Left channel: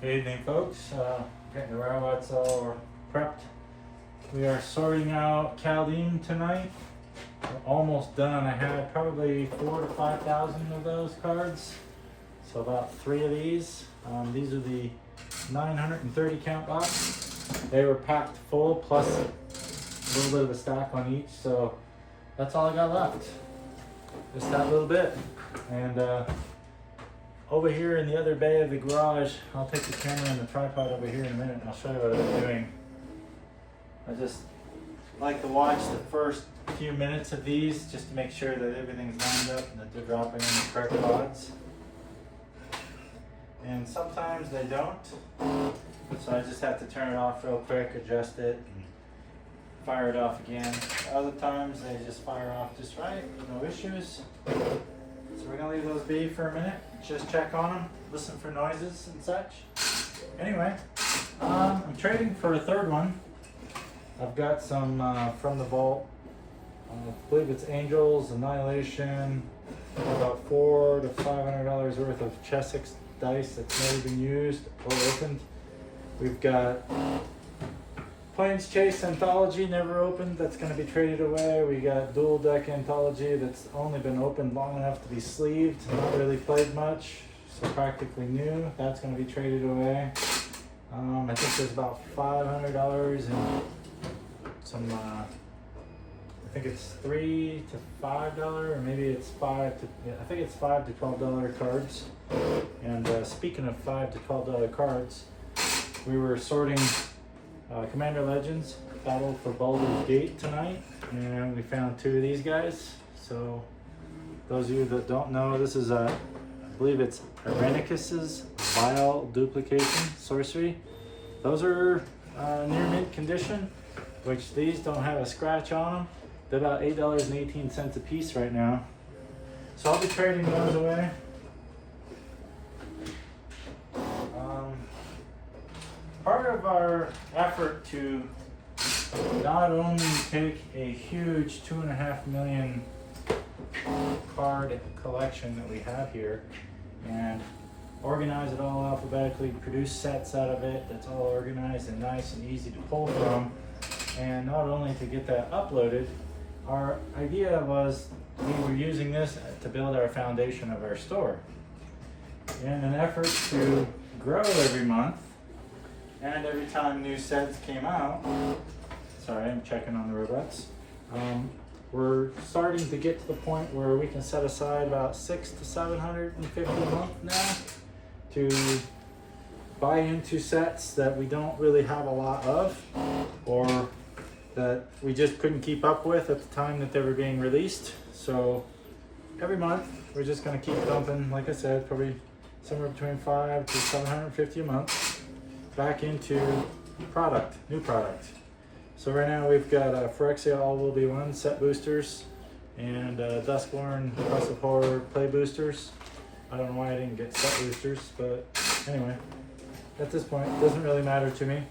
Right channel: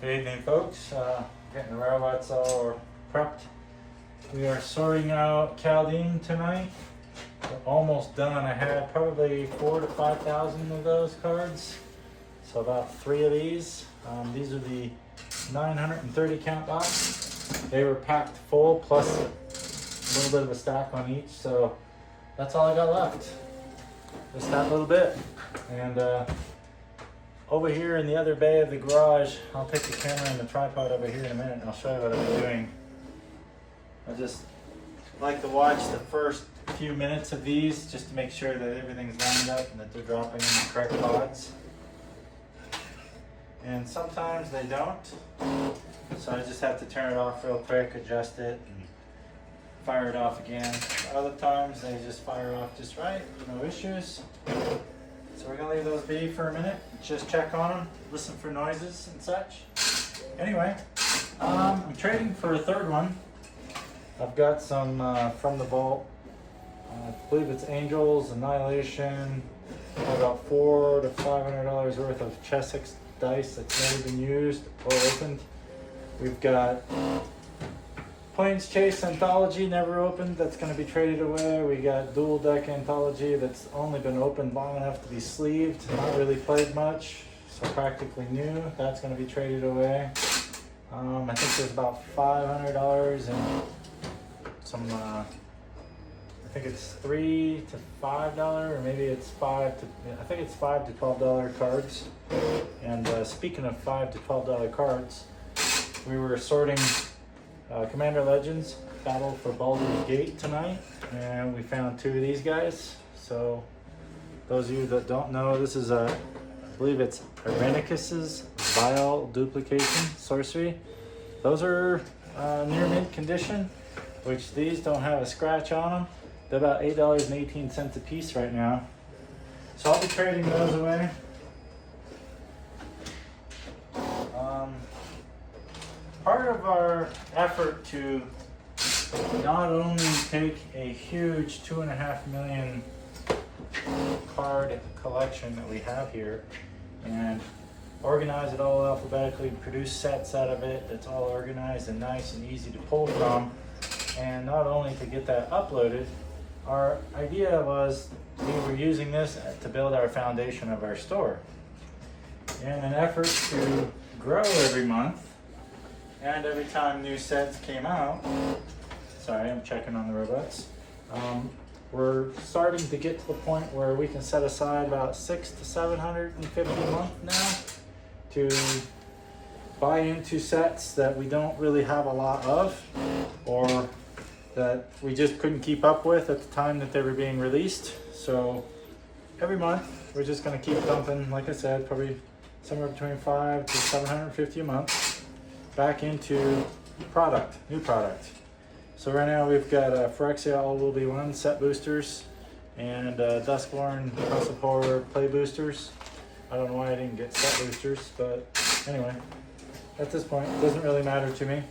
Good evening, folks. Getting the robots all prepped. We are sorting out Chaldean tonight. We're almost done. I had probably 4,000 to 5,000 of those cards. So about 3 of these. These are the 930 count box. They were packed full plus a little bit of a stack on each. So that's all I got left. Just that little bit. And over here in the other bay of the garage, I'll take the camera and the tripod over here in a minute and I'll show you what I'm doing. I just like to watch the first few minutes of these just to make sure that everything's lined up and that they're dropping in the correct pods. And sometimes they don't, so I just have to turn it off real quick, adjust it, and fire it off again. Other times they just fire off just right, no issues. So we're gonna leave those be for a minute, just check on them, listen for noises and such. Anyway, I'm trading for a third one. I've got some from the vault. I believe it's Angels, Annihilation, about $400 to $500 worth of Chessex dice that's never been used or opened. We've got Plains Chase Anthology, never opened, that's going to be traded away. We got Dual Deck Anthology that's only been opened long enough to be sleeved, not really played much, so practically new. That's going to be traded away. I think there's about $500 in some, I think it's $3 to $5, or maybe it's I think it's $5 to $12 cards. And speaking of $5 to $12 cards, we were sorting Commander Legends Battle for Baldur's Gate tonight, and we found 2 of these guys. So those of you that don't know, this is I believe it's Irenicus's Vile Duplication Sorcery. Those are near mint condition, which these don't have a scratch on them. They're about $8.18 a piece right now. So I'll be trading those away. Part of our effort to not only take a huge 2.5 million card collection that we have here and organize it all alphabetically, produce sets out of it that's all organized and nice and easy to pull from, and not only to get that uploaded, our idea was we were using this to build our foundation of our store. In an effort to grow every month, and every time new sets came out, sorry, I'm checking on the robots. We're starting to get to the point where we can set aside about $600 to $750 a month now to buy into sets that we don't really have a lot of, or that we just couldn't keep up with at the time that they were being released. So every month we're just going to keep dumping, like I said, probably somewhere between $500 to $750 a month back into new product. So right now we've got Phyrexia All Will Be One set boosters and Duskborn House of Horror play boosters. I don't know why I didn't get set boosters, but anyway, at this point it doesn't really matter to me.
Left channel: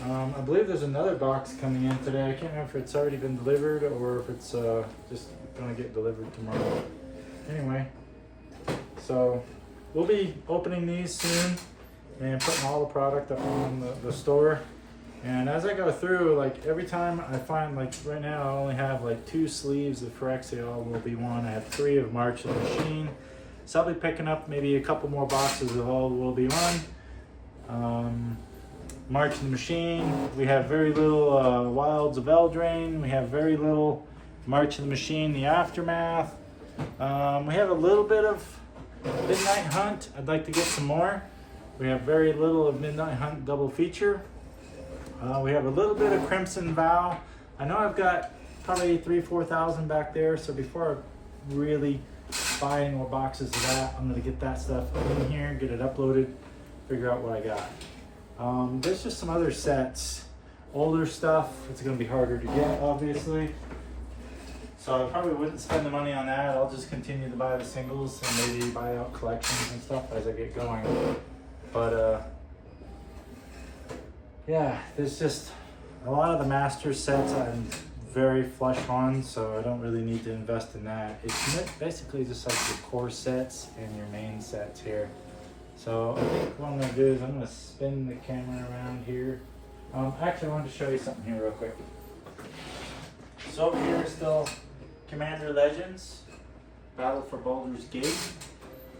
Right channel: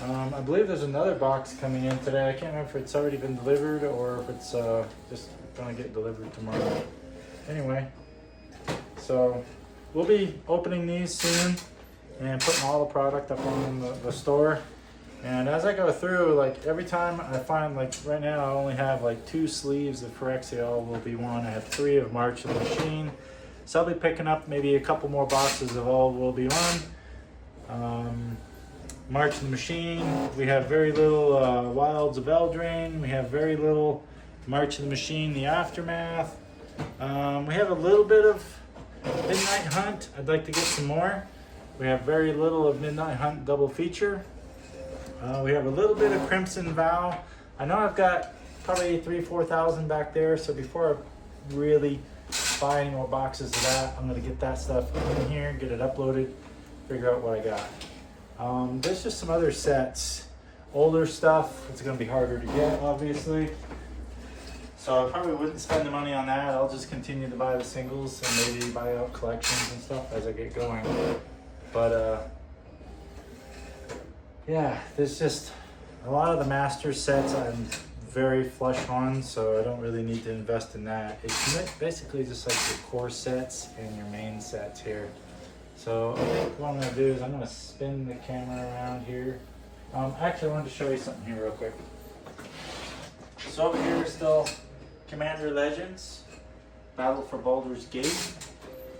I believe there's another box coming in today. I can't remember if it's already been delivered or if it's just gonna get delivered tomorrow. Anyway, so we'll be opening these soon and putting all the product up on the store. And as I go through, like every time I find, like right now I only have like 2 sleeves of Phyrexia All Will Be One. I have 3 of March of the Machine. So I'll be picking up maybe a couple more boxes of All Will Be One. March of the Machine. We have very little Wilds of Eldraine. We have very little March of the Machine, The Aftermath. We have a little bit of Midnight Hunt. I'd like to get some more. We have very little of Midnight Hunt double feature. We have a little bit of Crimson Vow. I know I've got probably 3,000 to 4,000 back there, so before I really buy any more boxes of that, I'm gonna get that stuff in here, get it uploaded, figure out what I got. There's just some other sets, older stuff. It's gonna be harder to get, obviously. So I probably wouldn't spend the money on that. I'll just continue to buy the singles and maybe buy out collections and stuff as I get going. But yeah, there's just a lot of the master sets I'm very flush on, so I don't really need to invest in that. It's basically just like your core sets and your main sets here. So I think what I'm gonna do is I'm gonna spin the camera around here. Actually, I wanted to show you something here real quick. So over here is still Commander Legends, Battle for Baldur's Gate.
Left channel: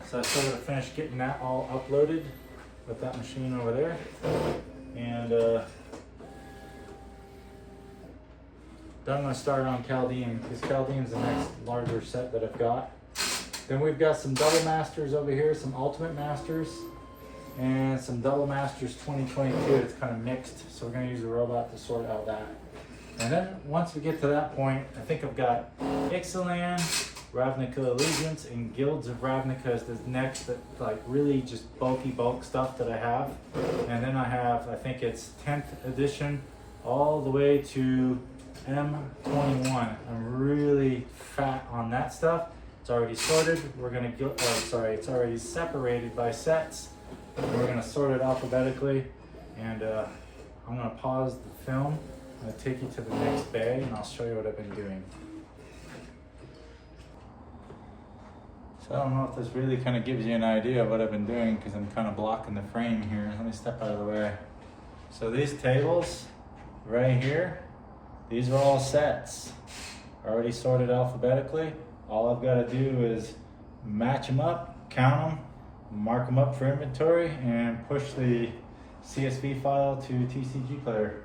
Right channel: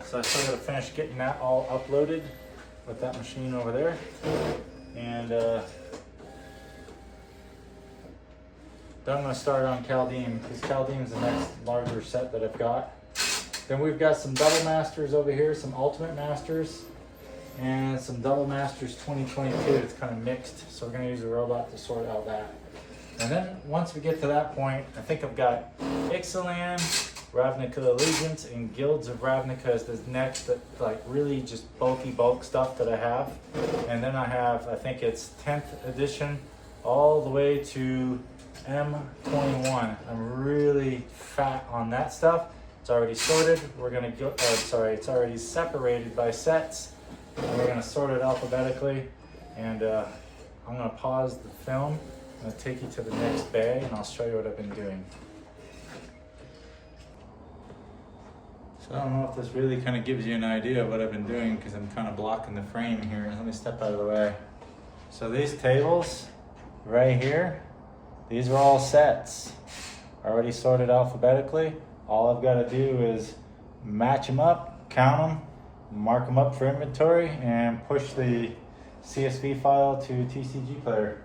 So I still gotta finish getting that all uploaded with that machine over there. And then I'm gonna start on Chaldean, because Chaldean's the next larger set that I've got. Then we've got some Double Masters over here, some Ultimate Masters, and some Double Masters 2022. It's kind of mixed, so we're gonna use a robot to sort out that. And then once we get to that point, I think I've got Ixalan, Ravnica Allegiance, and Guilds of Ravnica is the next, like really just bulk stuff that I have. And then I have, I think it's 10th edition, all the way to M21. I'm really fat on that stuff. It's already sorted. We're gonna go, it's already separated by sets. And we're gonna sort it alphabetically. And I'm gonna pause the film. I'm gonna take you to the next bay and I'll show you what I've been doing. So I don't know if this really kind of gives you an idea of what I've been doing because I'm kind of blocking the frame here. Let me step out of the way. So these tables right here, these are all sets. Already sorted alphabetically. All I've got to do is match them up, count them, mark them up for inventory, and push the CSV file to TCG Player.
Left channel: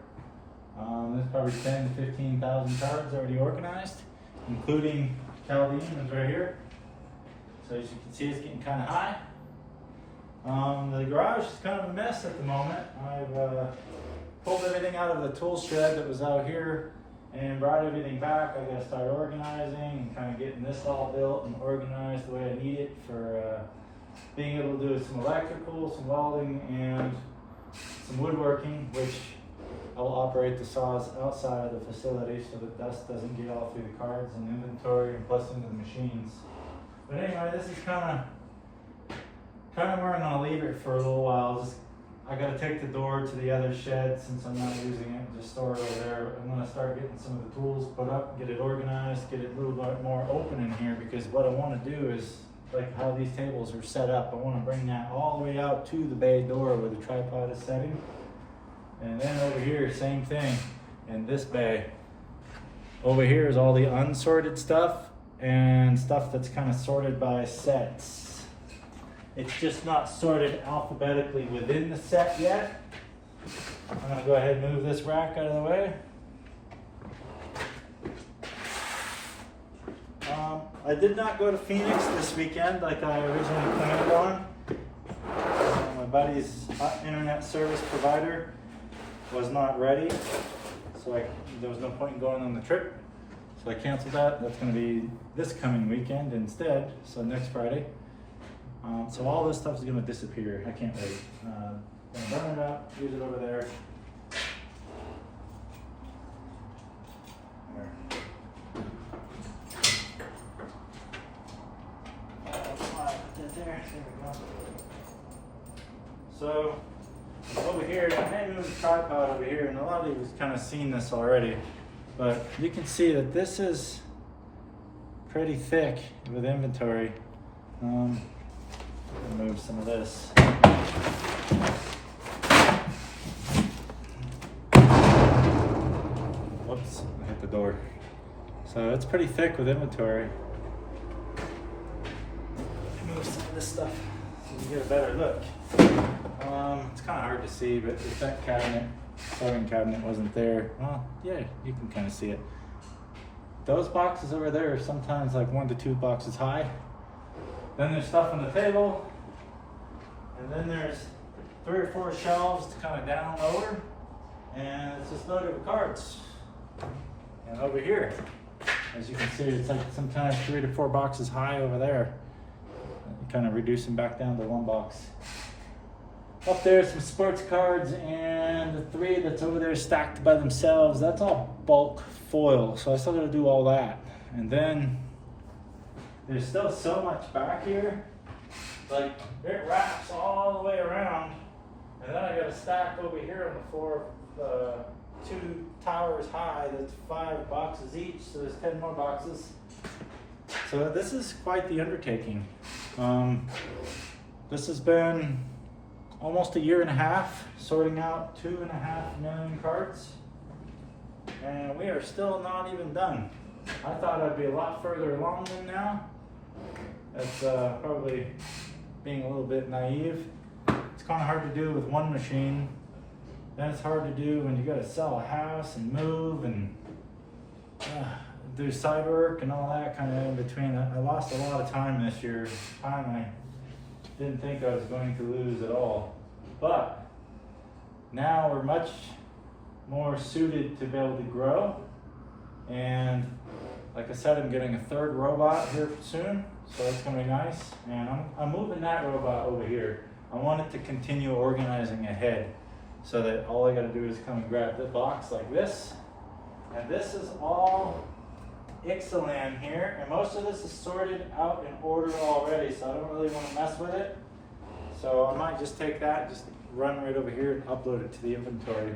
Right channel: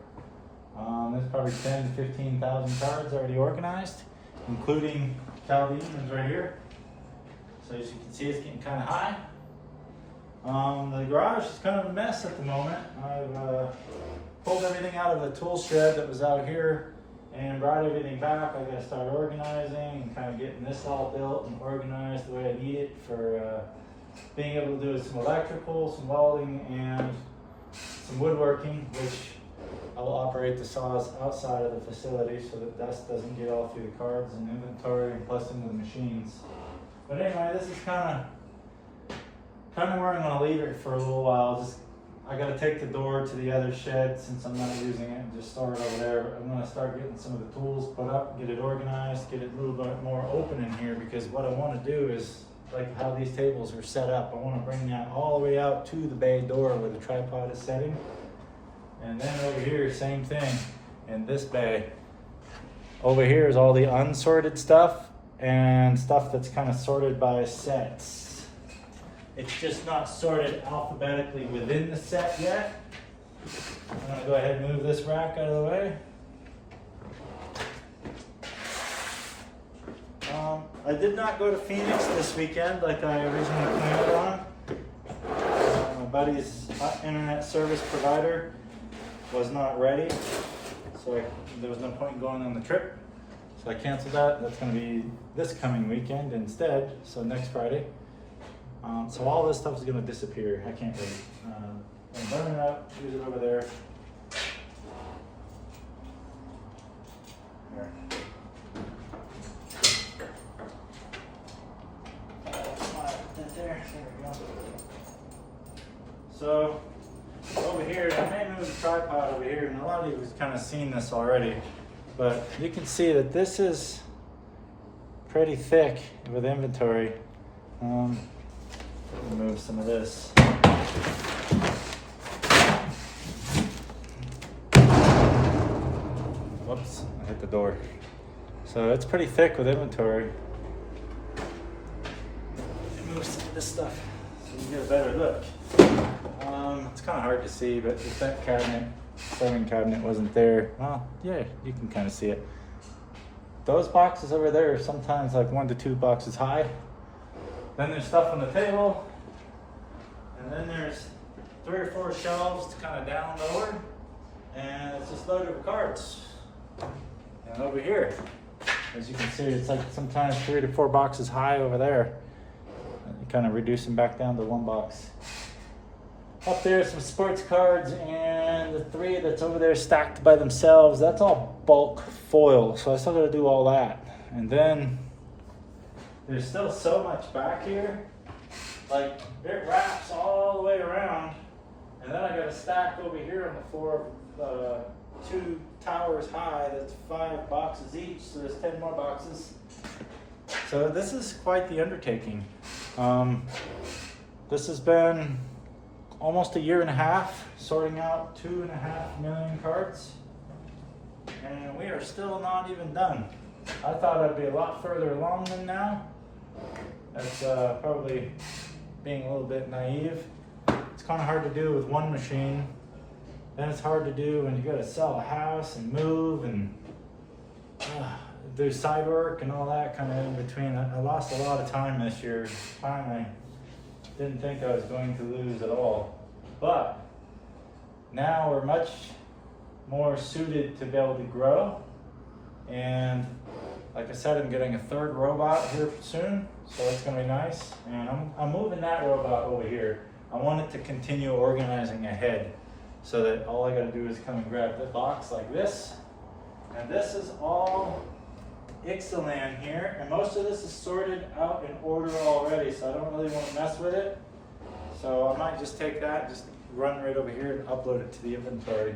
There's probably 10 to 15,000 cards already organized, including Chaldean is right here. So as you can see, it's getting kind of high. The garage is kind of a mess at the moment. I've pulled everything out of the tool shed that was out here and brought everything back. I got to start organizing and kind of getting this all built and organized the way I need it for being able to do some electrical, some welding, and some woodworking, which I will operate the saws outside of the facility so that dust doesn't get all through the cards and inventory and plus into the machines. But anyway, this is kind of where I'm going to leave it for a little while. I got to take the door to the other shed since I'm not using it and just store it over there. But I'm going to start getting some of the tools put up, get it organized, get it a little bit more open in here, because what I want to do is, like how these tables are set up, I want to bring that all the way out to the bay door where the tripod is setting. And then over here, same thing in this bay. Over here is all the unsorted stuff and stuff that's kind of sorted by sets. It's just not sorted alphabetically within the set yet. I'm going to go ahead and move this rack out of the way. I did not go to Phoenix this weekend like I originally planned on. My buddy's internet service provider was not ready, so there was no point in going on the trip. So I canceled that. That's going to be this coming weekend instead, so next Friday. So all this stuff is going to disappear. I can't wait. I'm going to burn it up, use it over there. There. There we go. So over here, I may move the tripod over here, and a lot of you have kind of seen this already, but you can see that this is pretty thick with inventory. Move some of this. Whoops, I hit the door. So it's pretty thick with inventory. Move some of this stuff so you get a better look. It's kind of hard to see, but if that sewing cabinet wasn't there, well, yeah, you can kind of see it. Those boxes over there are sometimes like 1 to 2 boxes high. Then there's stuff on the table, and then there's 3 or 4 shelves to kind of down lower, and it's just loaded with cards. And over here, as you can see, it's like sometimes 3 to 4 boxes high over there. You kind of reduce them back down to 1 box. Up there, some sports cards, and the 3 that's over there stacked by themselves, that's all bulk foil, so I still gotta do all that. And then there's still so much back here, like it wraps all the way around, and then I got a stack over here on the floor, 2 towers high, that's 5 boxes each, so there's 10 more boxes. So this is quite the undertaking. this has been almost a year and a half sorting out 2.5 million cards, and we are still not even done. I thought I'd be a lot further along than now. That's probably being a little bit naive. It's kind of hard to do with one machine. Then it's hard to do when you got to sell a house and move and do side work and all that kind of in between. I lost a lot of time this year, time I didn't think I was going to lose at all. But now we're much more suited to be able to grow. And like I said, I'm getting a third robot here soon, so it's gonna be nice. And I'm moving that robot over here. I want it to continue organizing ahead so that all I gotta do is come and grab the box like this. And this is all Ixalan here, and most of this is sorted out in order already, so I don't really want to mess with it. So I might just take that, just run right over here and upload it to the inventory.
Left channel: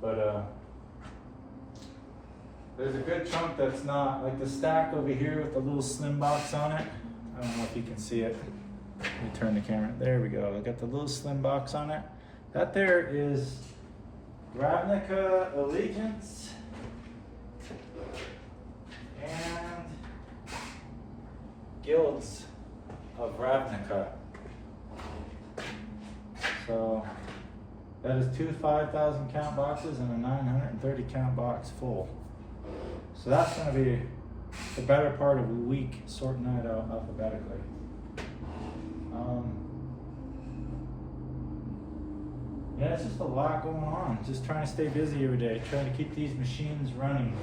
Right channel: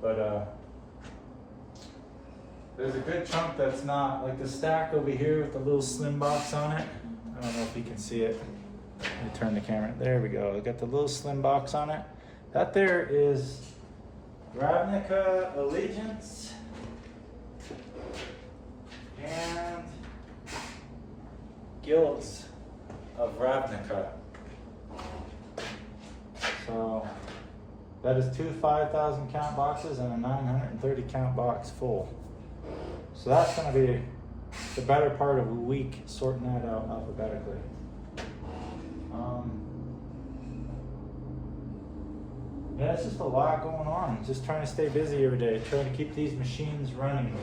But there's a good chunk that's not, like the stack over here with the little slim box on it. I don't know if you can see it. Let me turn the camera. There we go. I got the little slim box on it. That there is Ravnica Allegiance and Guilds of Ravnica. So that is two 5,000 count boxes and a 930 count box full. So that's going to be the better part of a week sorting that out alphabetically. Yeah, it's just a lot going on. Just trying to stay busy every day, trying to keep these machines running.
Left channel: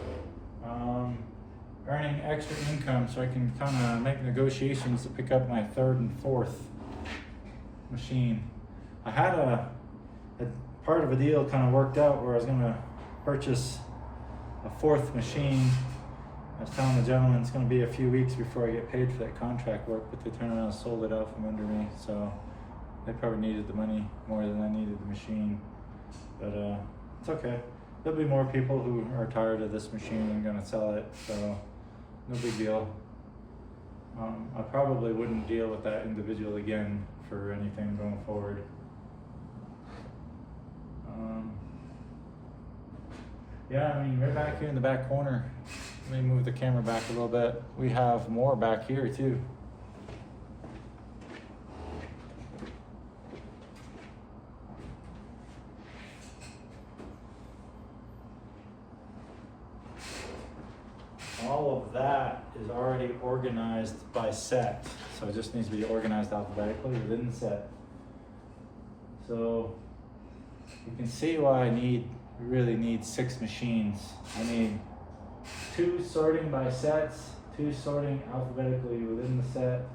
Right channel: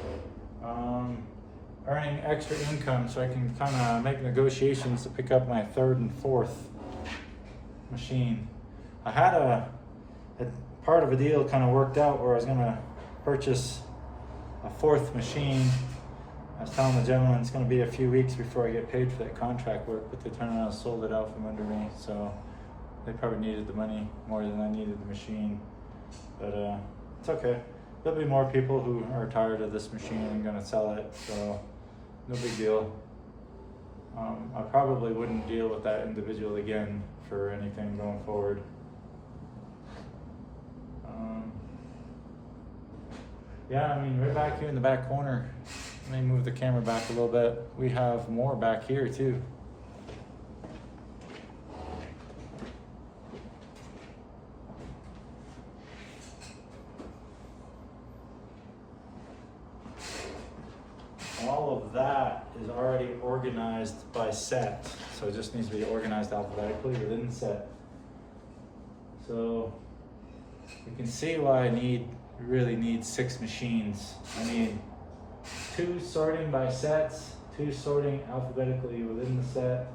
Earning extra income so I can kind of make negotiations to pick up my third and fourth machine. I had a part of a deal kind of worked out where I was going to purchase a fourth machine. I was telling the gentleman it's going to be a few weeks before I get paid for that contract work, but they turned around and sold it out from under me, so they probably needed the money more than I needed the machine. But it's okay. There'll be more people who are tired of this machine and going to sell it, so no big deal. I probably wouldn't deal with that individual again for anything going forward. Yeah, I mean, right back here in the back corner, let me move the camera back a little bit. We have more back here too. All of that is already organized by set, so it just needs to be organized alphabetically within the set. So you can see why I really need 6 machines. I need 2 sorting by sets, 2 sorting alphabetically within the set,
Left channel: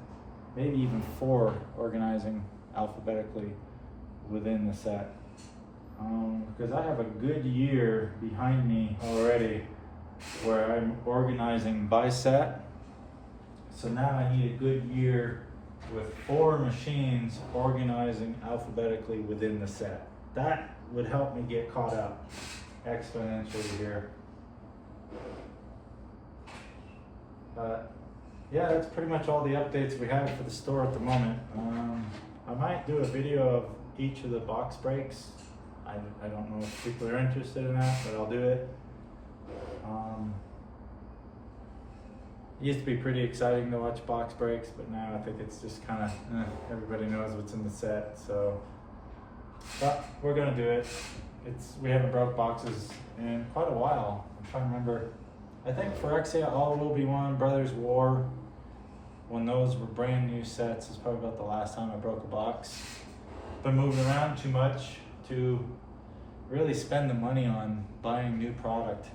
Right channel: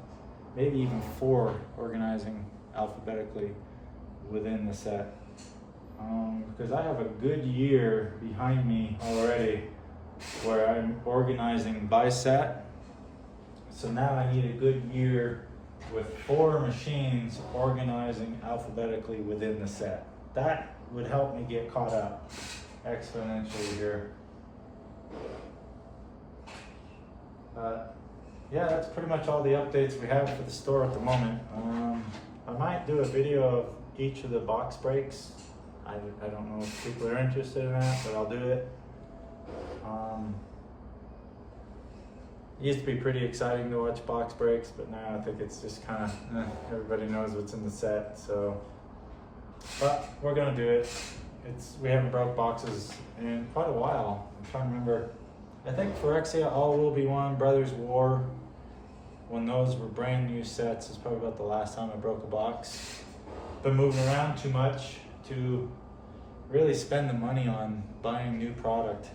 maybe even 4 organizing alphabetically within the set. Because I have a good year behind me already where I'm organizing by set. So now I need a good year with 4 machines organizing alphabetically within the set. That would help me get caught up exponentially here. Yeah, that's pretty much all the updates we have for the store at the moment. I might do a video of each of the box breaks. I don't know if people are interested in that, but I'll do it. It used to be pretty exciting to watch box breaks, but now I think it's just kind of, everybody knows what's in the set, so. But we're gonna do it. We haven't broke boxes in quite a while. I'm trying to remember. I think Phyrexia, All Will Be One, Brothers War, when those were brand new sets, is probably about the last time I broke a box. Been moving around too much to really spend the money on buying new product.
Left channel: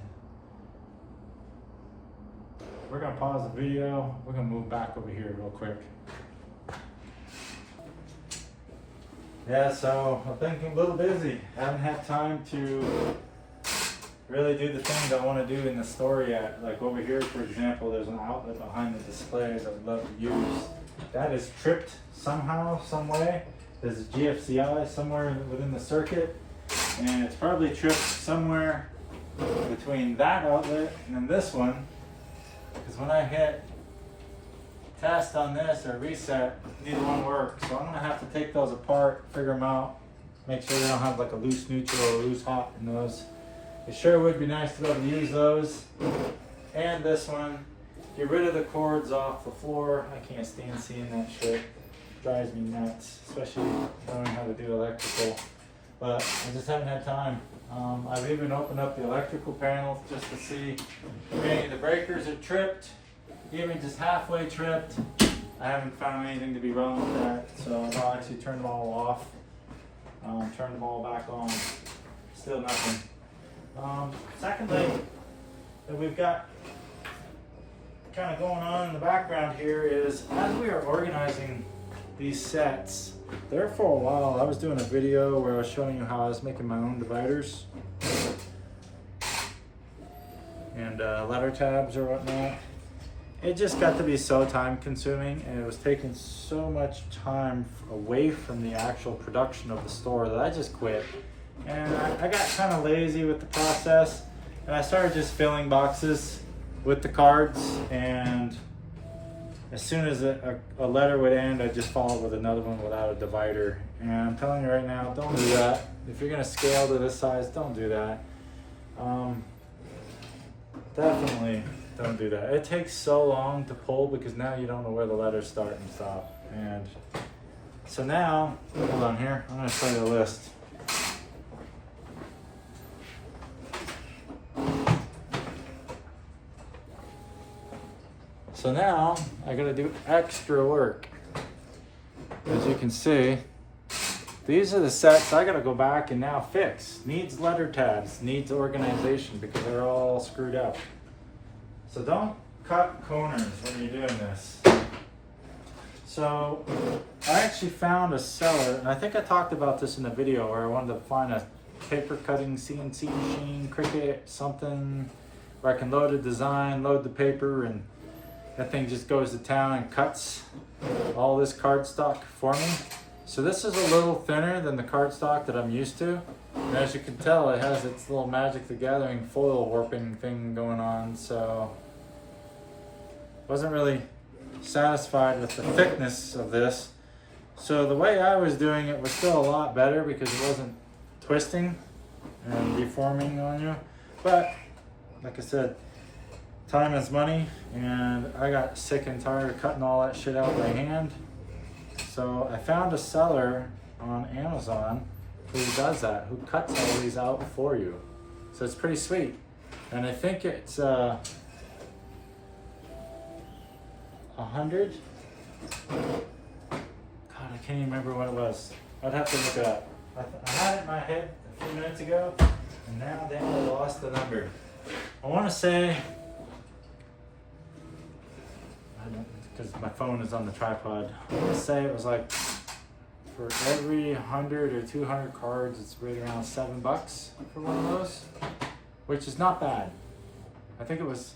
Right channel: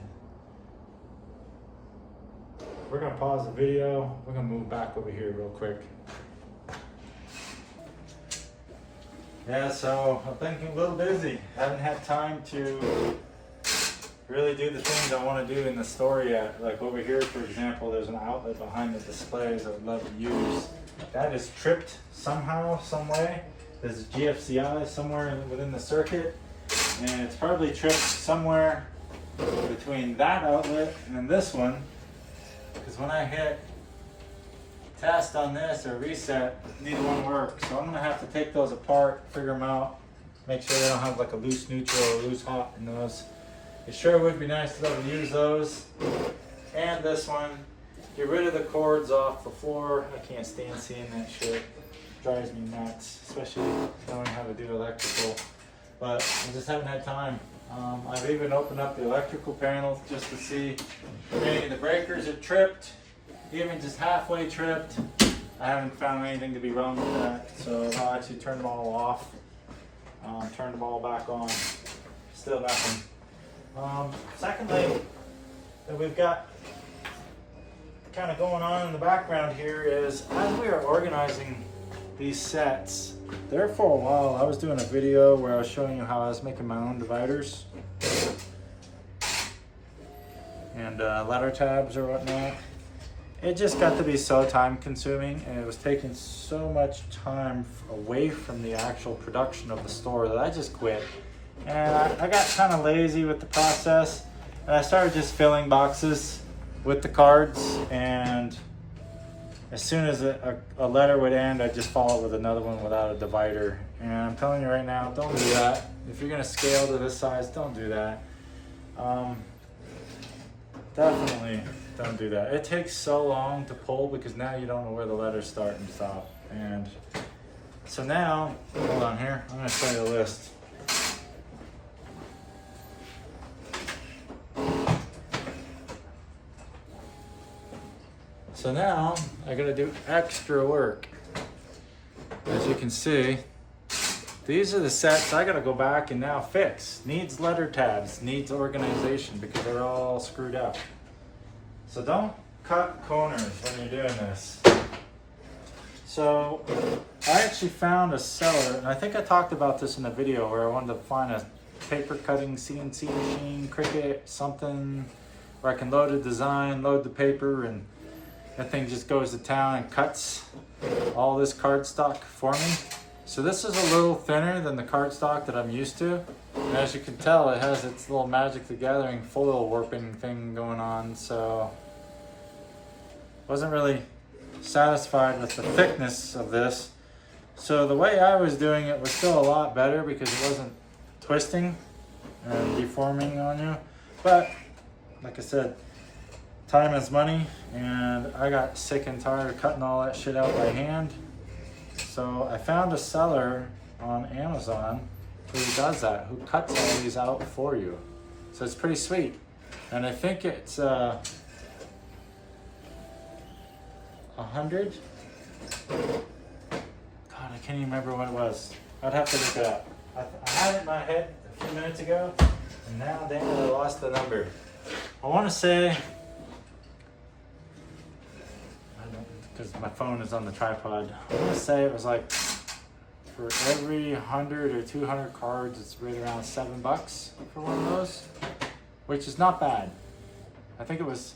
We're gonna pause the video. We're gonna move back over here real quick. Yeah, so I've been a little busy. Haven't had time to really do the things I want to do in the store yet. Like over here, for example, there's an outlet behind the displays I would love to use. That is tripped somehow, some way. There's a GFCI somewhere within the circuit, and it's probably tripped somewhere between that outlet and then this one. Because when I hit test on this or reset, neither one work. So I'm gonna have to take those apart, figure them out, make sure they don't have like a loose neutral or loose hot in those. It sure would be nice to be able to use those. And this one, get rid of the cords off the floor. I can't stand seeing that shit. Drives me nuts, especially knowing how to do electrical. But I just haven't had time. I've even opened up the electrical panels just to see if any of the breakers are tripped, even just halfway tripped. I haven't found anything to be wrong with that, so I'll actually turn them all off, turn them all back on. Still nothing. Secondly, that we've got kind of going on in the background here is as we are organizing these sets, there for a while I was doing a video where I was showing you how I was making my own dividers and letter tabs or whatnot. It just got to be so time consuming and it was taking so much time away from the actual production of the store that I just quit. And I got kind of lazy with the process and I started just filling boxes with the cards, and as soon as a letter would end, I'd just follow it with another one without a divider. And I'm telling you right now, don't do that. If you're gonna scale to this size, don't do that. Definitely don't do that. It takes so long to pull because now you don't know where the letters start and stop. And so now, hold on here, I'm gonna show you a list. So now I gotta do extra work. As you can see, these are the sets I gotta go back and now fix. Needs letter tabs, needs organization because they're all screwed up. So don't cut corners when you're doing this. So I actually found a seller, and I think I talked about this in a video where I wanted to find a paper cutting CNC machine, Cricut, something where I can load a design, load the paper, and that thing just goes to town and cuts all this cardstock for me. So this is a little thinner than the cardstock that I'm used to. And as you can tell, it has its little Magic the Gathering foil warping thing going on. So wasn't really satisfied with the thickness of this. So the way I was doing it was still a lot better because it wasn't twisting and deforming on you. But like I said, time is money, and I got sick and tired of cutting all that shit out by hand. So I found a seller on Amazon who does that, who cuts all these out for you. So it's pretty sweet. And I think it's 100. God, I can't even remember what it was. I'd have to look it up. I had it in my head a few minutes ago, and now dang it, I lost the number. I want to say, because my phone is on the tripod, I want to say it was like for every 100 or 200 cards, it's right around $7 for one of those, which is not bad. I think it was,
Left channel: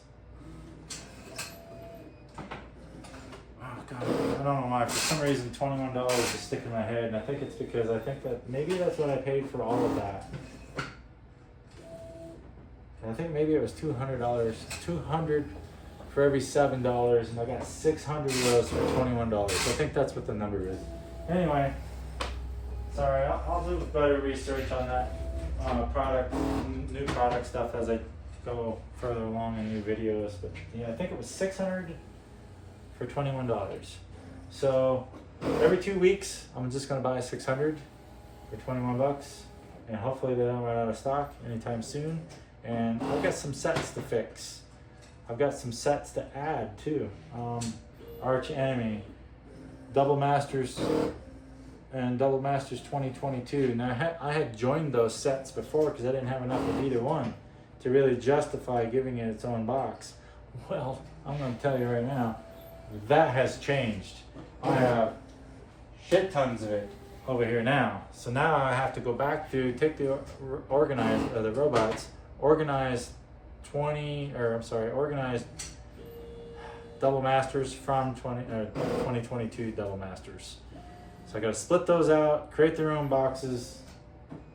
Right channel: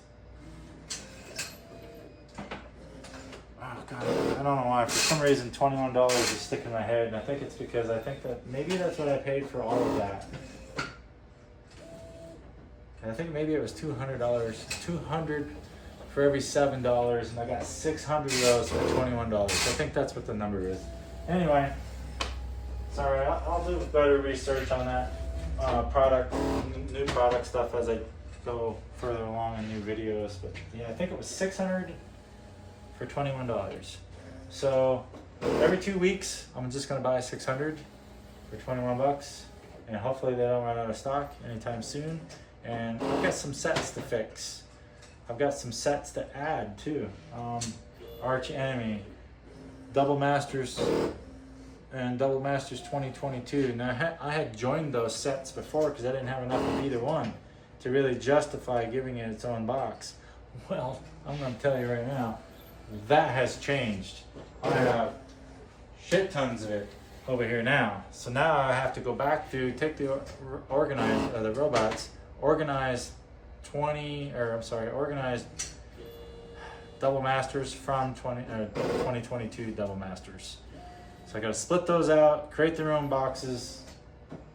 oh God, I don't know why, for some reason $21 is sticking in my head, and I think it's because I think that maybe that's what I paid for all of that. And I think maybe it was $200, 200 for every $7, and I got 600 of those for $21. So I think that's what the number is. Anyway, it's all right. I'll do better research on that new product stuff as I go further along in new videos. But yeah, I think it was 600 for $21. So every 2 weeks, I'm just gonna buy 600 for $21, and hopefully they don't run out of stock anytime soon. And I've got some sets to fix. I've got some sets to add too. Arch Enemy, Double Masters, and Double Masters 2022. Now I had joined those sets before because I didn't have enough of either one to really justify giving it its own box. Well, I'm going to tell you right now, that has changed. I have shit tons of it over here now. So now I have to go back to take the the robots, organize organized Double Masters from 2022 Double Masters. So I got to split those out, create their own boxes,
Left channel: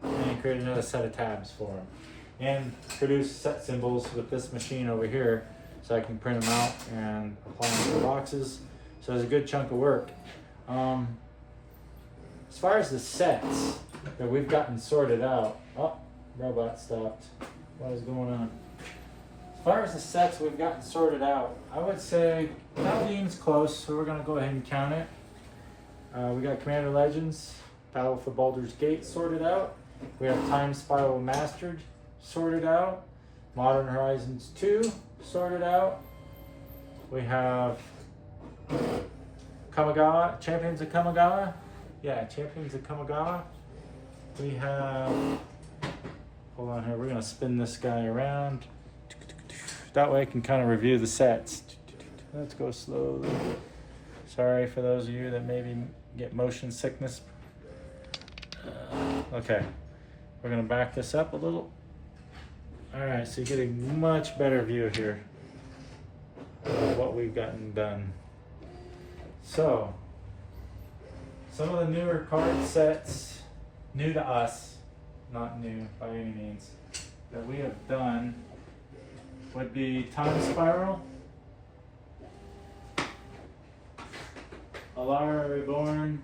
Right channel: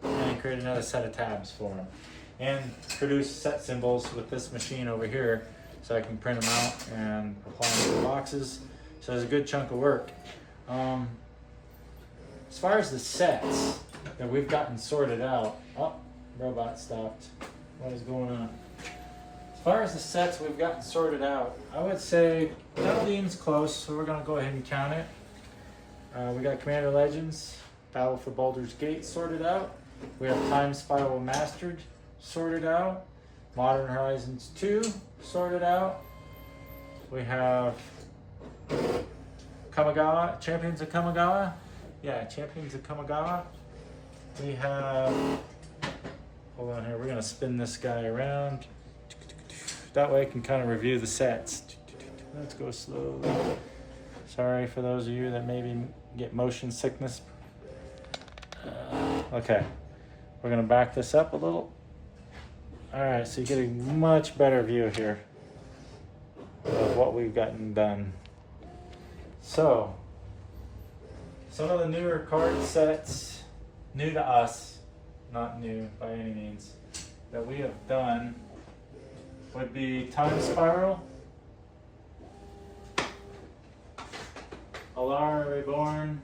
and create another set of tabs for them, and produce set symbols with this machine over here, so I can print them out and apply them to the boxes. So it's a good chunk of work. As far as the sets that we've gotten sorted out, oh, robot stopped. What is going on? As far as the sets we've gotten sorted out, I would say Paldean's close, so we're gonna go ahead and count it. We got Commander Legends, Battle for Baldur's Gate sorted out. We have Time Spiral Mastered sorted out. Modern Horizons 2 sorted out. We have Kamigawa, Champions of Kamigawa. Yeah, Champions of Kamigawa. We have, hold on here, we're gonna spin this guy around. That way I can kind of review the sets. Let's go slowly. Sorry for those of you that maybe get motion sickness. Okay, we're gonna back this up a little. All right, so you get a much better view here of what we've gotten done. So, some of the newer card sets, new to us, not new by any means, that we have done would be Time Spiral, Alara Reborn,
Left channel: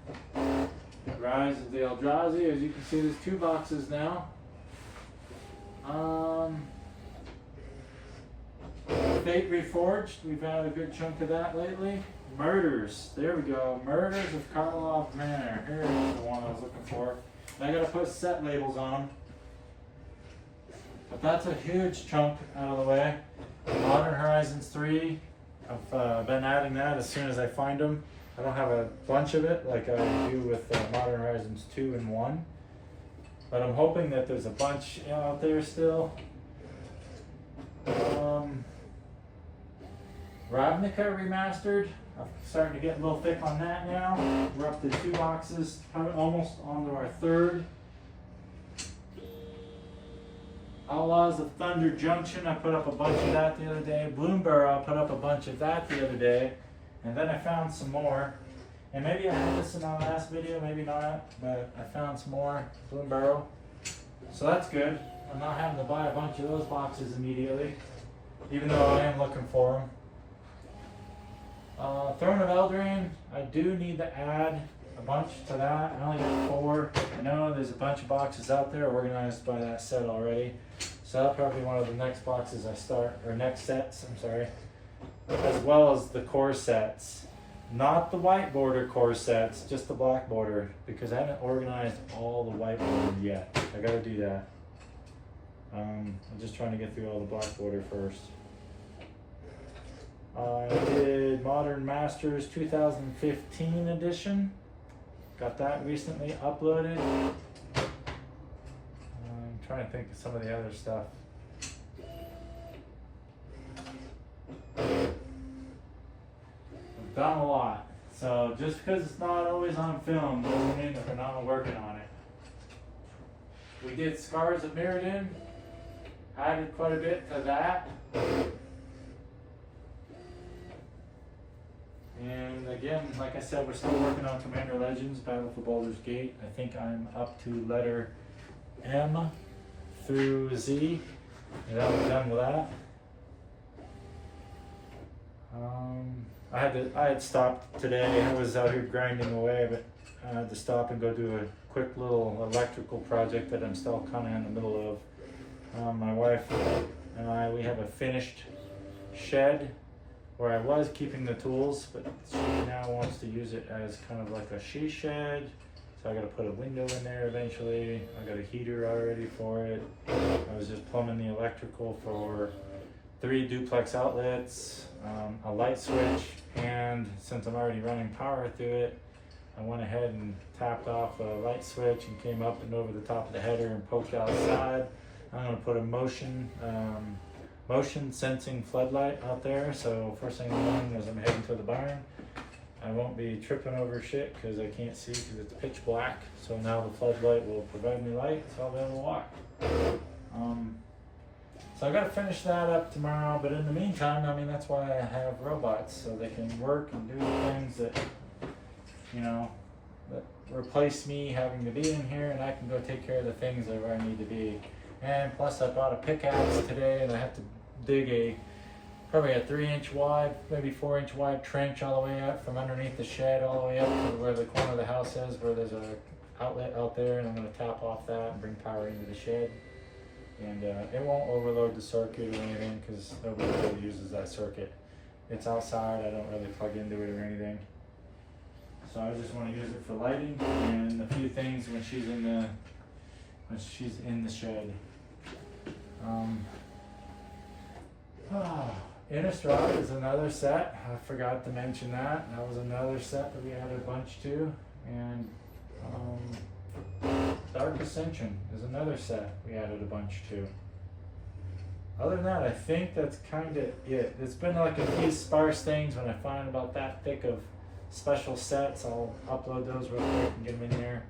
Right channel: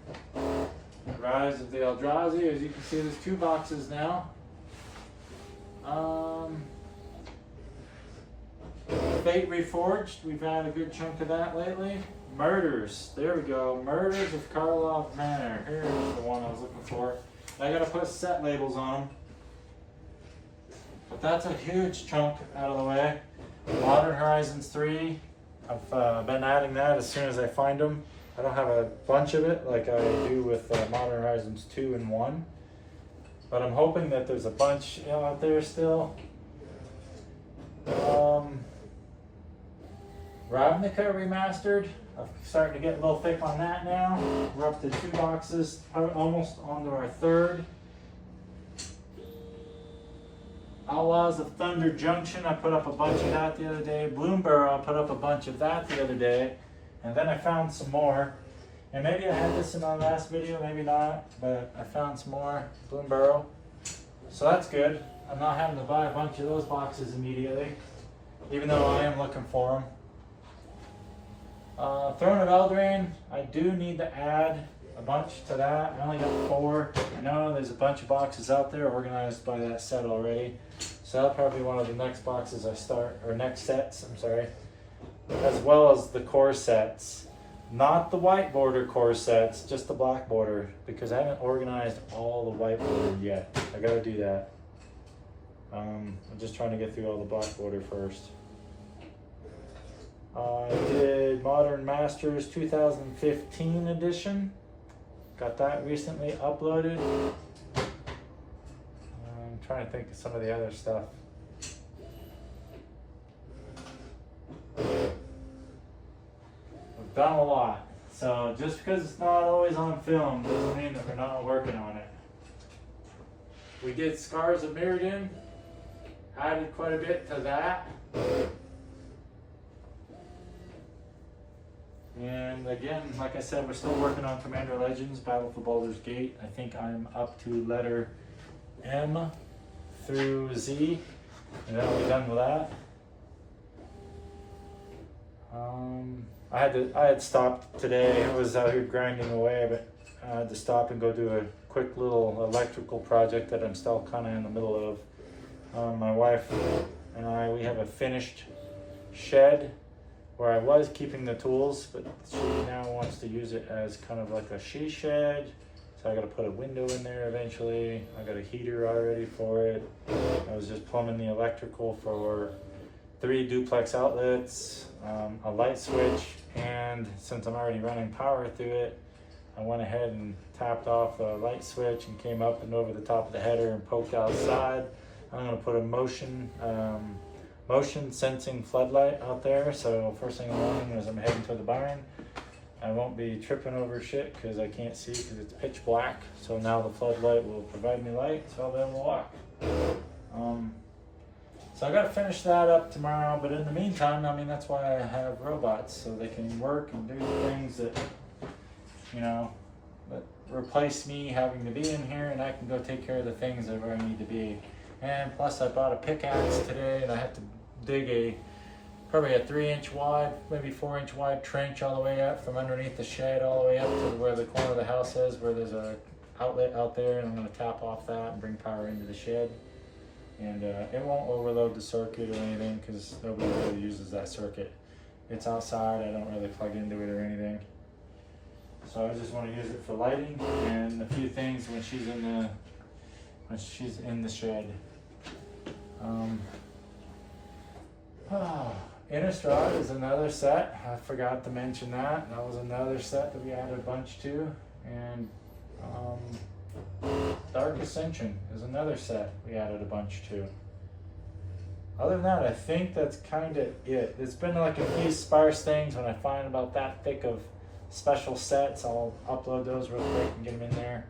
Rise of the Eldrazi. As you can see, there's 2 boxes now. Fate Reforged, we've had a good chunk of that lately. Murders, there we go. Murders of Karlov Manor. Here's the one I was looking for. I gotta put set labels on them. But that's a huge chunk out of the way. Modern Horizons 3, I've been adding that as soon as I find them. I don't have a bunch of it like I do with Modern Horizons 2 and 1. But I'm hoping that there's a bunch out there still. Ravnica Remastered. I'm starting to get a little thick on that now. We're up to 2 boxes, almost onto our 3rd. Outlaws of Thunder Junction, I put up a bunch of that the other day. Bloomburrow, I put up a bunch of that the other day. And then I found some more. And maybe I had this in my last video, maybe not, but I found some more Bloomburrow. So that's good. I'm not having to buy a bunch of those boxes immediately, even though I am looking for them. Throne of Eldraine, I do need to add a bunch to that. I only got 4. I know there's a bunch of boxes out there organized by that set already. So that'll probably be one of the next boxes I start, or next sets, I'm sorry. As well as the core sets. Not the white border core sets, just the black border, because I haven't organized all the white border yet. I gotta do that. I'm just trying to get through all the black border first. I did Modern Masters 2015 edition. Got that recently uploaded. I'm trying to think of some of the other stuff. I've done a lot. So just because it's not always on film doesn't mean that we're not working on it. We did Scars of Mirrodin. Added quite a bit to that. And again, like I said, we're still working on Commander Legends, Battle for Baldur's Gate. I think I'm up to letter M through Z, and I'll be done with that. I had stopped today. I was out here grinding away, but I had to stop and go do a quick little electrical project that I'm still kind of in the middle of. My wife and I, we have a finished shed where I was keeping the tools, but she now wants to use it as kind of like a she shed. So I got to put a window in there eventually. I got a heater already for it. I was just plumbing the electrical for 3 duplex outlets, a light switch, and since I'm already running power through it, I went ahead and tapped off a light switch and came up and over the top of the header and poked outside. I'm going to put a motion sensing floodlight out there, so first thing in the morning as I'm heading to the barn, I won't be tripping over shit because I can't see because it's pitch black. So now the floodlight will provide me light so I'll be able to walk. So I got to finish that up tomorrow, but in the meantime, I mean, that's why I have robots, so they can work and do things that, you know, that replace me having to be in here, and I can go take care of the things that where I need to be. And plus I bought a pickaxe today, and I have to dig probably a 3-inch wide, maybe 4-inch wide trench all the way up from underneath the shed all the way up to where the corner of the house is, where there's a outlet out there, and I'm going to tap off that and bring power into the shed. And it won't overload the circuit or anything because nobody really uses that circuit. It's outside, I don't really plug into it or anything. So I just want to use it for lighting and a few things when she's in the shed. Innistrad is another set. I forgot to mention that. That was another set that we added a bunch to. And Dark Ascension is another set we added a bunch to. Other than that, I think that's kind of it. It's been like a few sparse things. When I find about that thick of special sets, I'll upload those real quick and get them in there.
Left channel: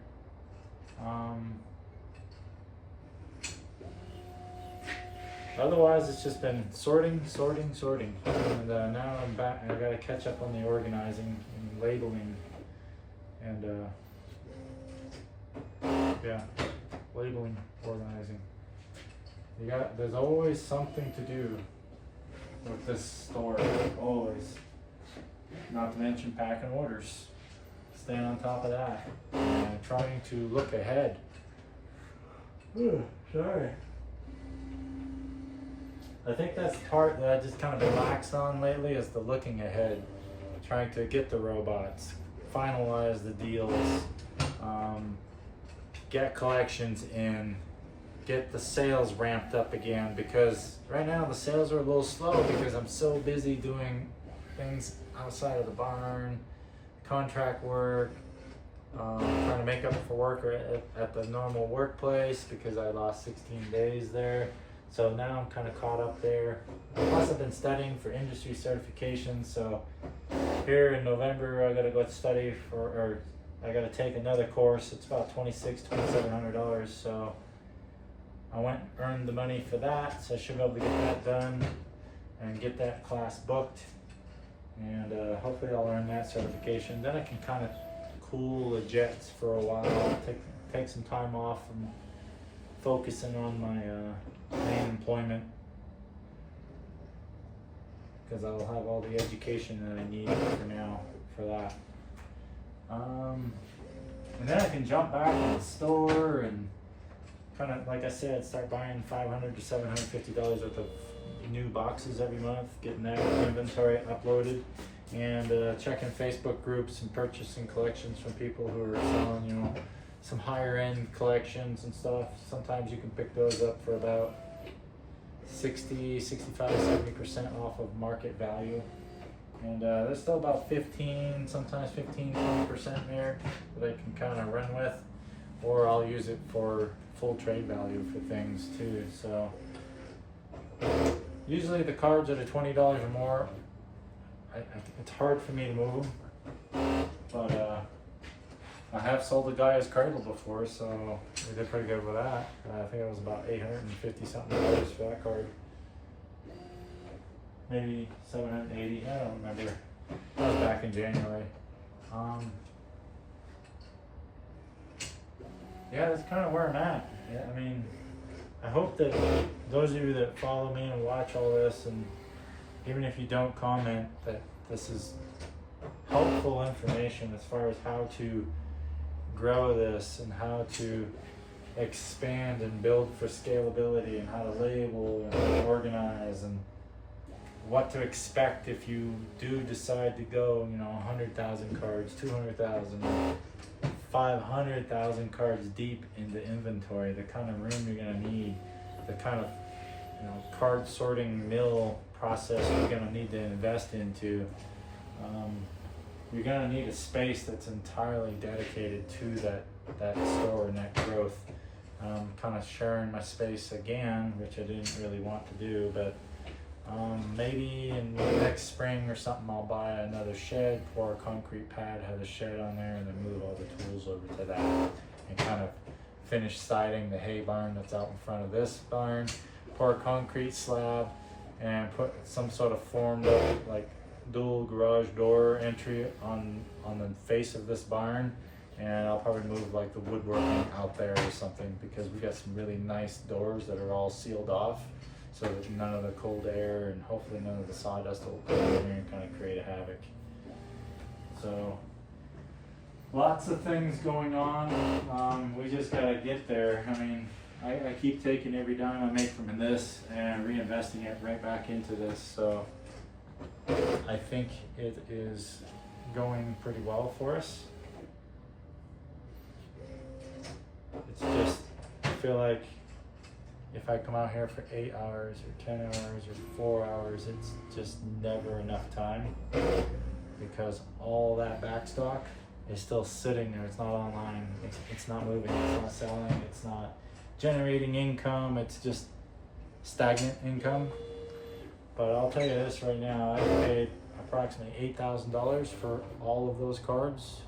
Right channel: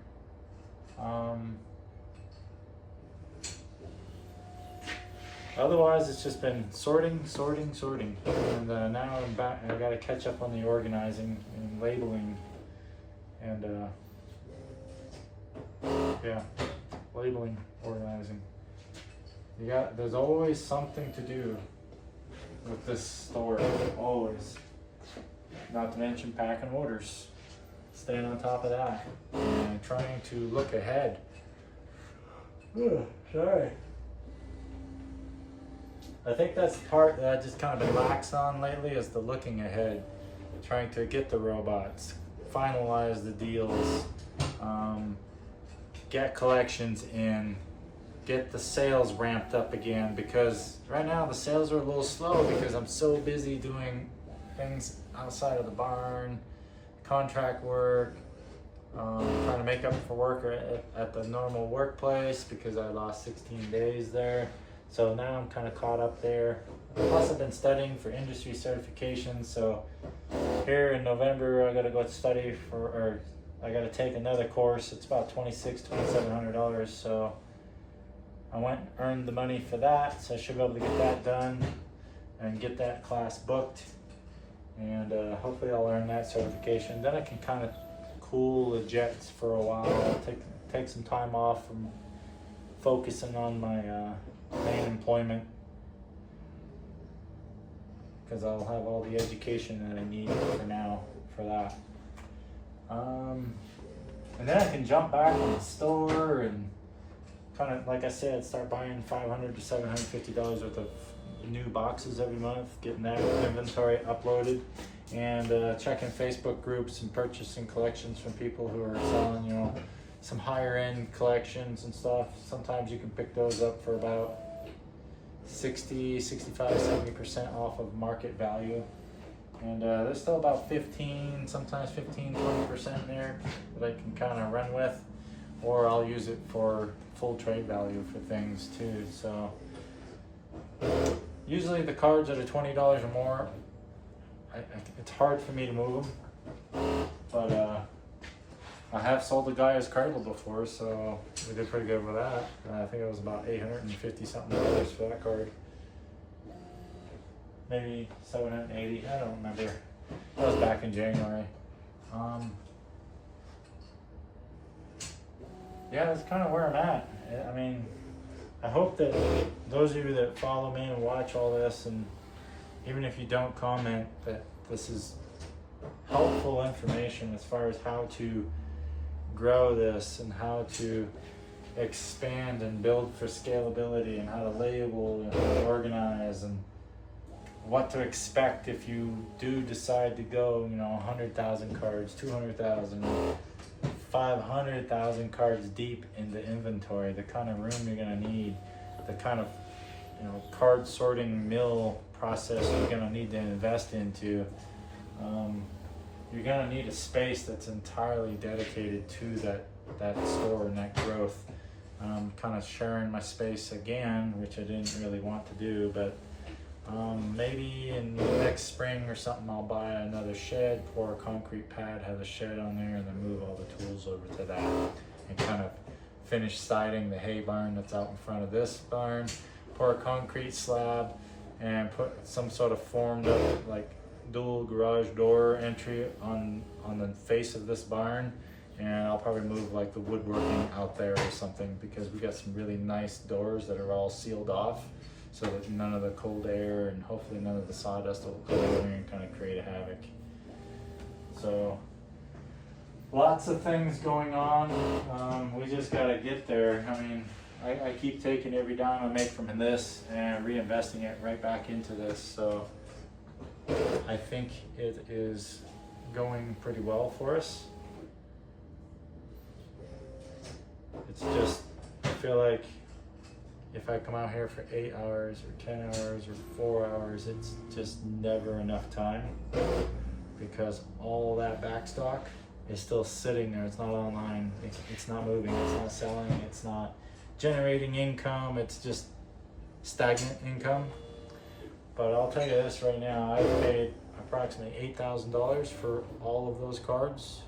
Otherwise, it's just been sorting. And now I'm back. I gotta catch up on the organizing and labeling. And yeah, labeling, organizing. There's always something to do with this store, always. Not to mention packing orders, staying on top of that, and trying to look ahead. Ooh, sorry. I think that's the part that I've just kind of been lax on lately, is the looking ahead. Trying to get the robots, finalize the deals, get collections in, get the sales ramped up again, because right now the sales are a little slow because I'm so busy doing things outside of the barn, contract work, trying to make up for work at the normal workplace because I lost 16 days there. So now I'm kind of caught up there. Plus I've been studying for industry certifications. So here in November, I got to go study or I got to take another course. It's about $2,700. So I went and earned the money for that. So I should be able to get that done and get that class booked. And hopefully I'll earn that certification. Then I can kind of cool the jets for a while. Take some time off from focusing on my main employment, because I'll have all the education that I need for now for that. And then I can jump back in the store and kind of, like I said, start buying $500 to $750 worth of new boxes every month, getting that inventory uploaded, and checking Facebook groups and purchasing collections from people who are selling, you know, some higher end collections and stuff. Sometimes you can pick those up for about 60, 65, 70% off of market value. And there's still about 15, sometimes 15, 20% there that I can kind of run with, or I'll use it for full trade value for things too. So usually the cards that are $20 or more, it's hard for me to move them, but I have sold a Gaia's Cradle before, so we did pretty good with that. I think it was about $850 something for that card. Maybe 780, I don't remember. That was back in January. Yeah, that's kind of where I'm at. I mean, I hope that those of you that follow me and watch all this, and even if you don't comment, that this is helpful information as far as how to grow this and how to expand and build for scalability, and how to label and how to organize, and what to expect if you do decide to go, you know, 100,000 cards, 200,000, 500,000 cards deep into inventory, the kind of room you're going to need, the kind of, you know, card sorting mill process you're going to need to invest into. You're going to need a space that's entirely dedicated to that store and that growth. Kind of sharing my space again, which I didn't really want to do, but maybe in next spring or something I'll buy another shed, pour a concrete pad, have a shed on there, and then move all the tools over to that, and kind of finish siding the hay barn that's out in front of this barn, pour a concrete slab, and put some sort of formed up like dual garage door entry on the face of this barn, and I'll probably move like the woodworking out there or something, because we got some really nice doors that are all sealed off, so that none of the cold air and hopefully none of the sawdust will come in there and kind of create a havoc. So lots of things going on. We just gotta get there. I mean, I keep taking every dime I make from this and reinvesting it right back into this. So I think it is going pretty well for us. It's just, I feel like if I come out here for 8 hours or 10 hours or 4 hours, it's just never enough time, because all that back stock is still sitting there. It's not online. It's not moving. It's not selling. It's not generating income. It's just stagnant income. But I'll tell you this right now, I paid approximately $8,000 for all of those cards,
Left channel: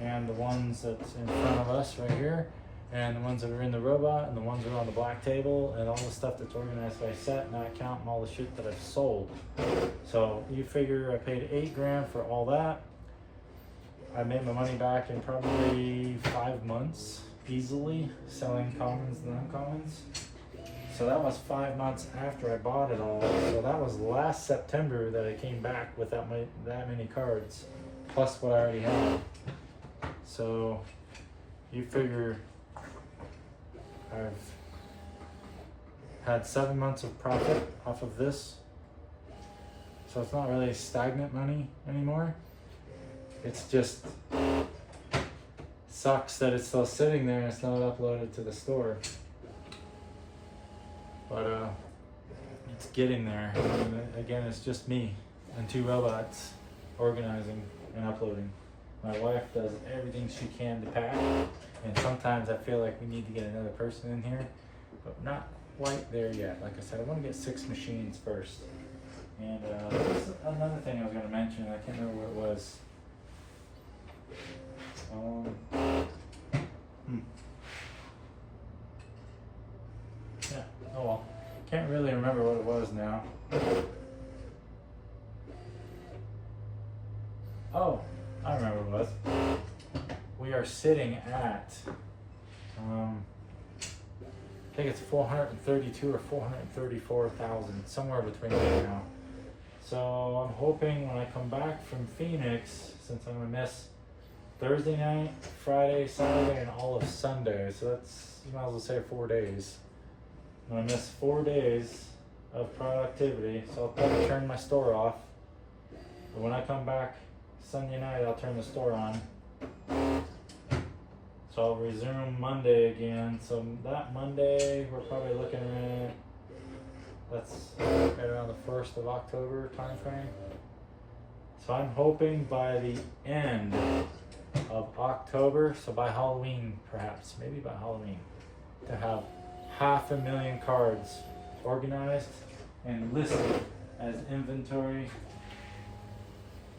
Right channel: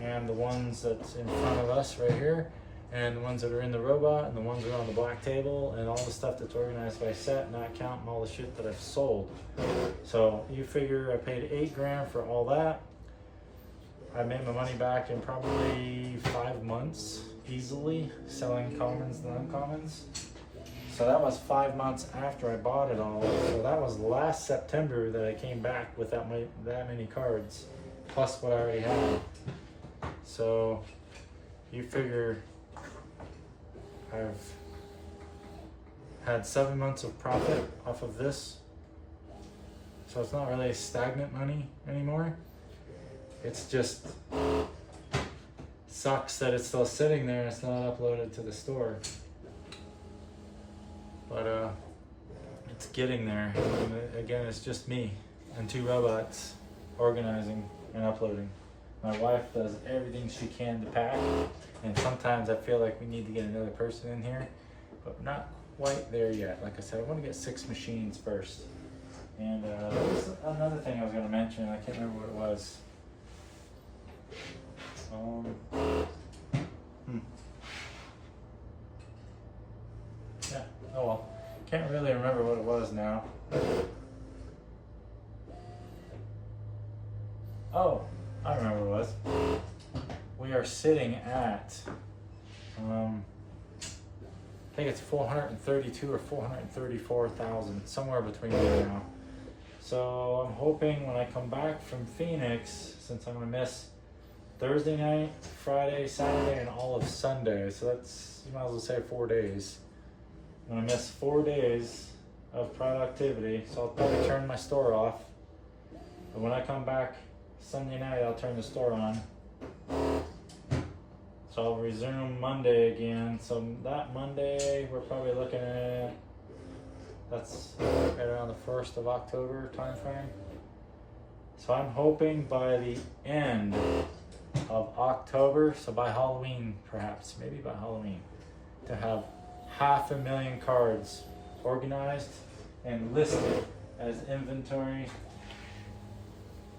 and the ones that's in front of us right here, and the ones that are in the robot, and the ones that are on the black table, and all the stuff that's organized by set, not counting all the shit that I've sold. So you figure I paid $8 grand for all that. I made my money back in probably 5 months, easily, selling commons and uncommons. So that was 5 months after I bought it all. So that was last September that I came back with that many cards, plus what I already had. So you figure I've had 7 months of profit off of this. So it's not really stagnant money anymore. It's just sucks that it's still sitting there and it's not uploaded to the store. But it's getting there. And again, it's just me and 2 robots organizing and uploading. My wife does everything she can to pack, and sometimes I feel like we need to get another person in here, but we're not quite there yet. Like I said, I want to get 6 machines first. And this is another thing I was going to mention. I can't remember what it was. Yeah, oh well. Can't really remember what it was now. Oh, I remember what it was. We are sitting at, I think it's 432 or 434,000, somewhere between there now. So I'm hoping when I come back from Phoenix, since I'm gonna miss Thursday night, Friday, Saturday, and all of Sunday, so that's, you might as well say 4 days. I'm gonna miss 4 days of productivity, so I'll probably turn my store off. But when I come back Sunday night, I'll turn the store on. So I'll resume Monday again. So that Monday, we're probably looking at, that's right around the 1st of October time frame. So I'm hoping by the end of October, so by Halloween perhaps, maybe by Halloween, to have 500,000 cards organized and listed as inventory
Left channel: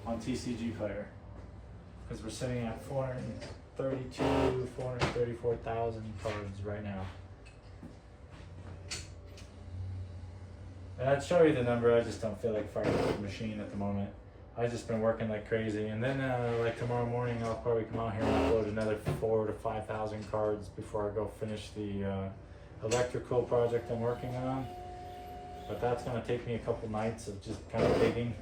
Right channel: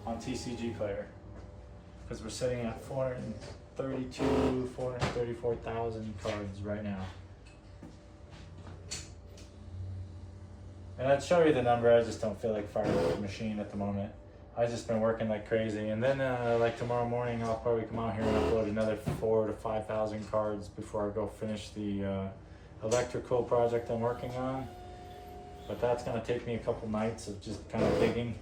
on TCG Player, because we're sitting at 434,000 cards right now. And I'd show you the number, I just don't feel like firing up the machine at the moment. I've just been working like crazy, and then like tomorrow morning I'll probably come out here and upload another 4,000 to 5,000 cards before I go finish the electrical project I'm working on. But that's going to take me a couple nights of just kind of digging.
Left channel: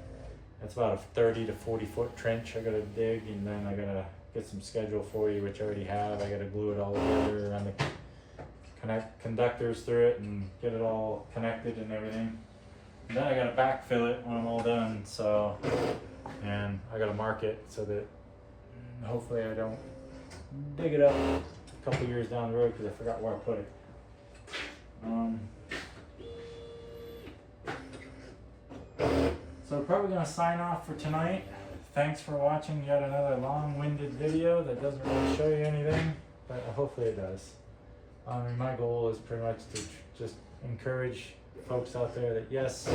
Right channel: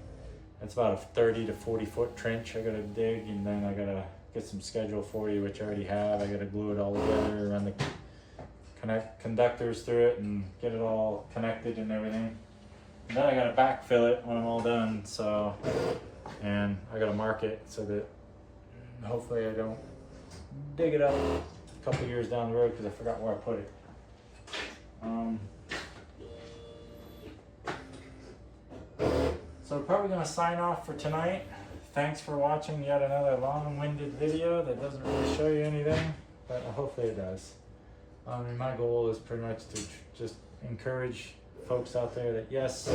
It's about a 30 to 40 foot trench I got to dig, and then I got to get some schedule for you, which I already have. I got to glue it all together, run the conductors through it, and get it all connected and everything. And then I got to backfill it when I'm all done. So, and I got to mark it so that hopefully I don't dig it up a couple years down the road because I forgot where I put it. So we're probably going to sign off for tonight. Thanks for watching yet another long-winded video that doesn't really show you anything, but hopefully it does. My goal is pretty much to just encourage folks out there that yes,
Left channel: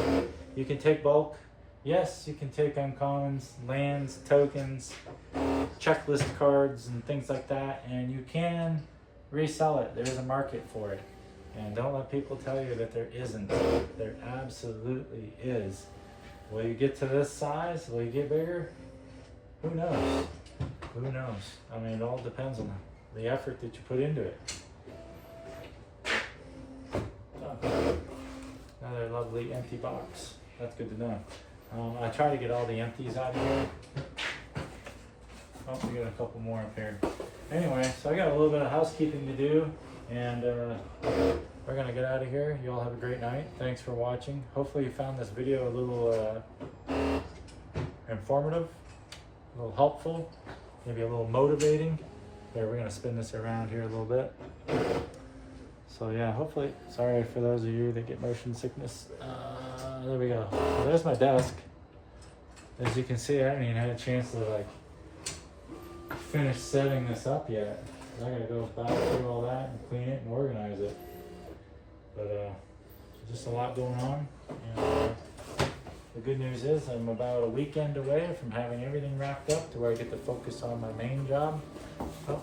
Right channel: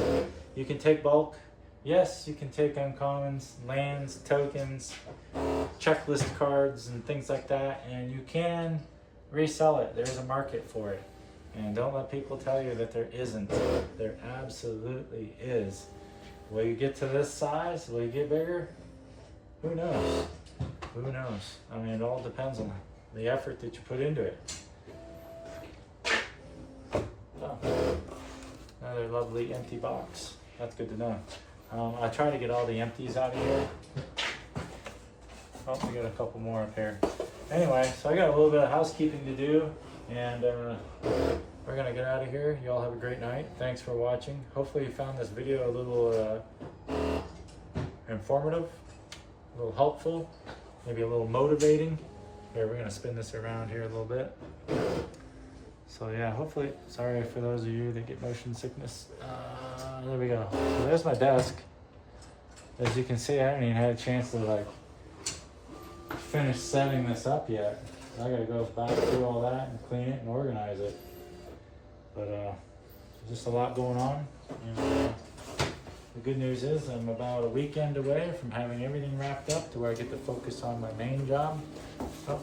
you can take bulk, yes, you can take uncommons, lands, tokens, checklist cards, and things like that, and you can resell it. There's a market for it. And don't let people tell you that there isn't. There absolutely is. Will you get to this size? Will you get bigger? Who knows? Who knows? I mean, it all depends on the effort that you put into it. So, now that lovely empty box. That's good to know. I try to get all the empties out of here. Oh, we got a couple more up here. Anyway, so I got a little bit of housekeeping to do, and we're gonna get out of here. You all have a great night. Thanks for watching. Hopefully you found this video a little informative, a little helpful, maybe a little motivating. Here, we're gonna spin this around here a little bit. So yeah, hopefully, sorry for those of you that get motion sickness. There we go. So there's my desk. As you can see, I haven't even had a chance to like finish setting this up yet. I gotta go back through all that and clean it and organize it. But just a lot going on. And the good news is I'm about a weekend away from having everything wrapped up to where I get to focus on my main job. Oh,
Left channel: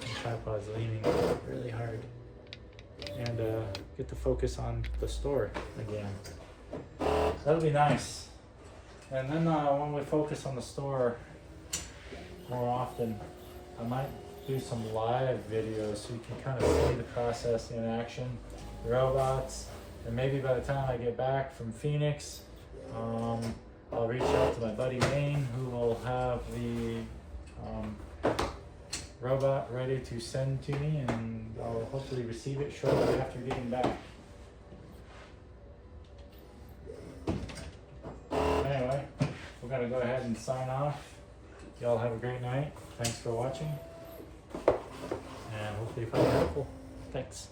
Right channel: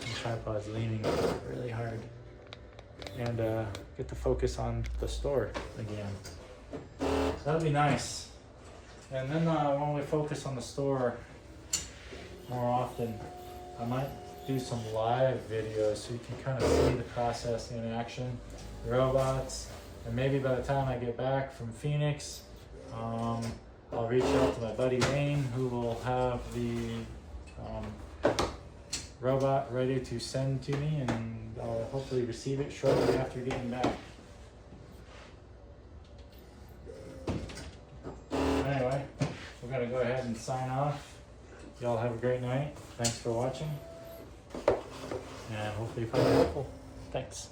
the tripod's leaning really hard. And get to focus on the store again. That'll be nice. And then when we focus on the store more often, I might do some live videos so you can kind of see the process in action, the robots, and maybe by the time I get back from Phoenix, I'll reach out to my buddy Wayne, who will have the robot ready to send to me, and I'll hopefully receive it shortly after getting back. Anyway, we're gonna go ahead and sign off. Y'all have a great night. Thanks for watching, and hopefully you find it helpful. Thanks.